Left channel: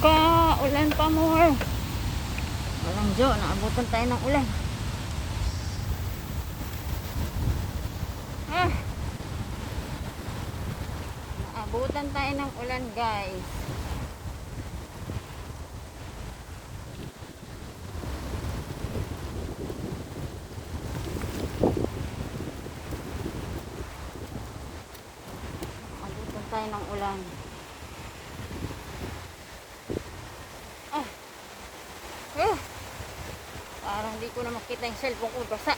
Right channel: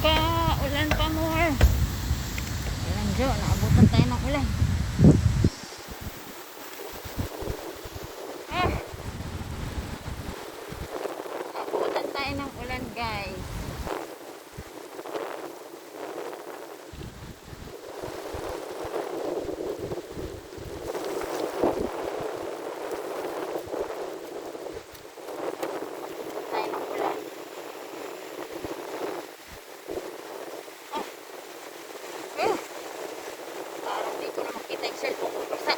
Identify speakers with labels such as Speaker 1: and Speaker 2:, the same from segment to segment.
Speaker 1: ka, ulan pa more. Ayan, Jo, naabutan tayo ng ulan. Eh. Abutan tayo ng ulan, guys. Abutan tayo ng ulan. Eh, parang hindi ko na makita yung cellphone ko basta.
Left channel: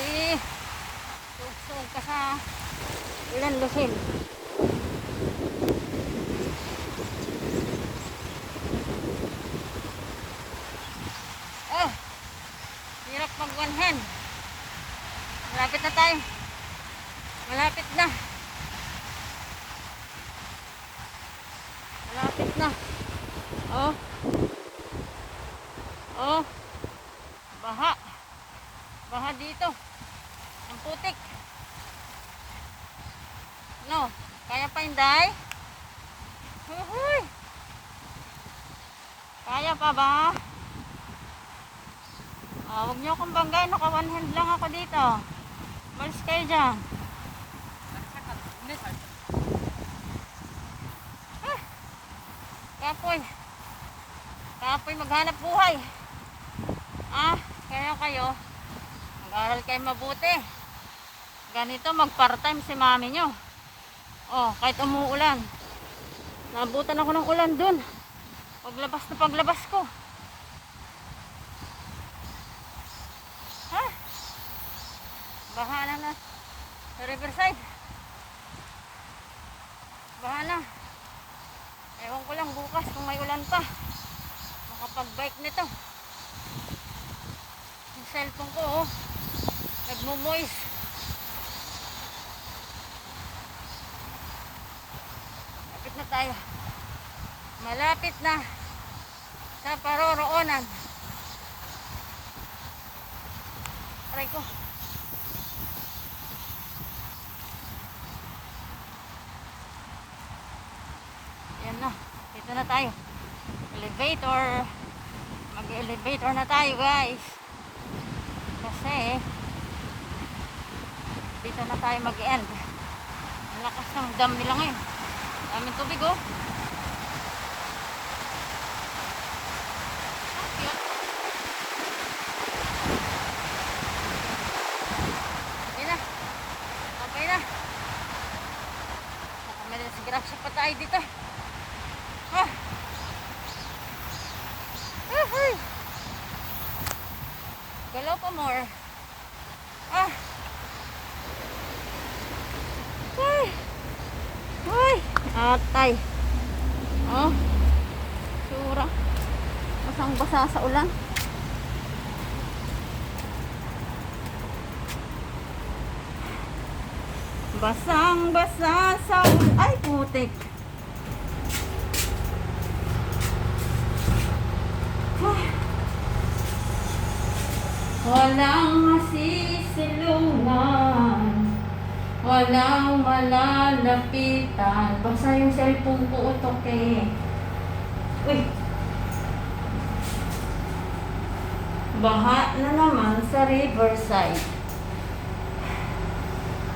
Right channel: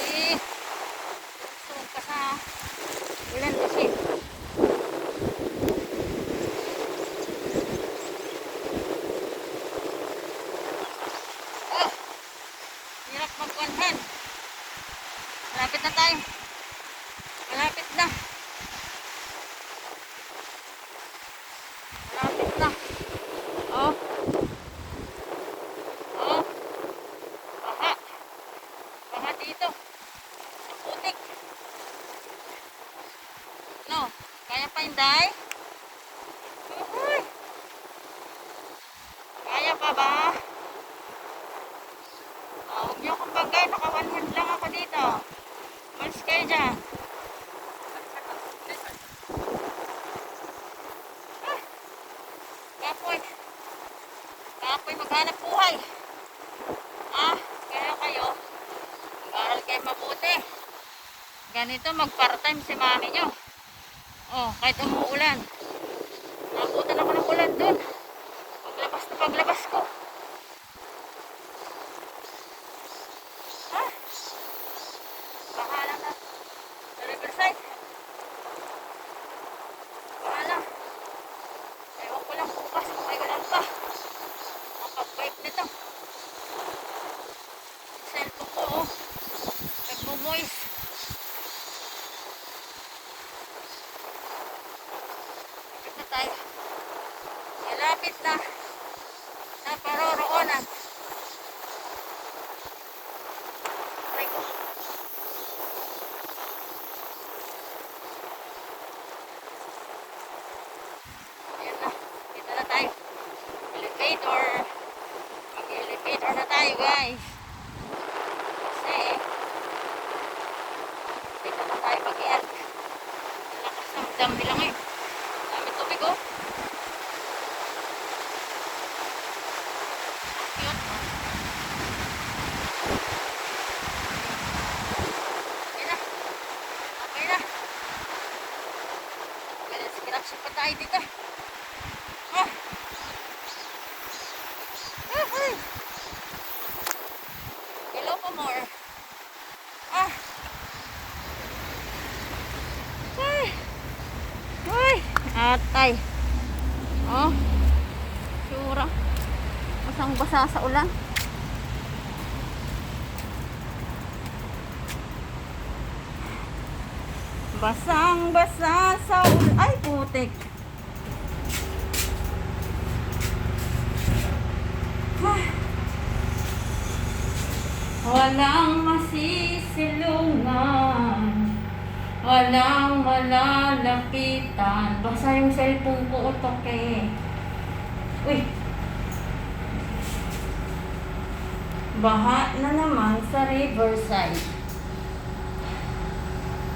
Speaker 1: Eh, lusong ka sa ilan lusong. Ah, hirap magwanhan. Malapit na tayo. Malapit na. Malapit na. Oh. Oh. Baha. Baha dito. Ang putik. No. Hindi? Uy. Kaya pa ba? Ah, huwag niyo akong bangga. Naka one hand lang ako dito. Malis kayo dyan. Ah, Kapoy. Kapoy maghanap buhay. Ah, kaya kayo. Mag-aral kayo mabuti. Ganito mag-part-time si mami nyo. Oh, kahit umuulan. Nabutan ako ng ulan dun. Paglabas na paglabas ko. Ha? Bahala na. Sa riverside. Bahala. Ewan ko lang bukas kung may ulan pa. Makapag-break nito. Yung cellphone ko, oh. Nagmumoist. Malapit na tayo. Malapit na sa paroroonan. Try ko. Ayan na. Dito na tayo. Elevator. Mag-elevator na tayo guys. Kasi tayo dito. Ah. Ah, ah. Hello pa more. Ah. Ay, atay. Oh. Sura. Basang basa sa ulan. Basang basa sa ulan. Ay, putik. Walang masisilungan. Walang malalapitan. Basta yung cellphone ko utok eh. Uy. Baha na naman sa riverside.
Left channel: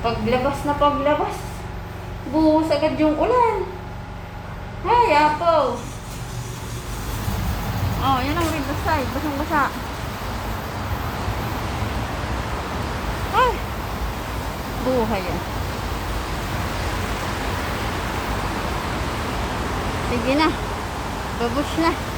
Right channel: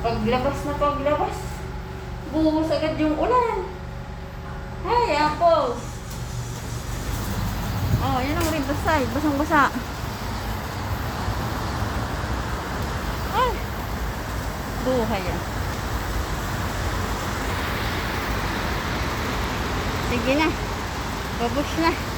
Speaker 1: Paglabas na paglabas. Buhos agad yung ulan. Ay, apples. Oh, yan ang riverside. Basang-basa. Ay. Buhay yan. Sige na. Babus na.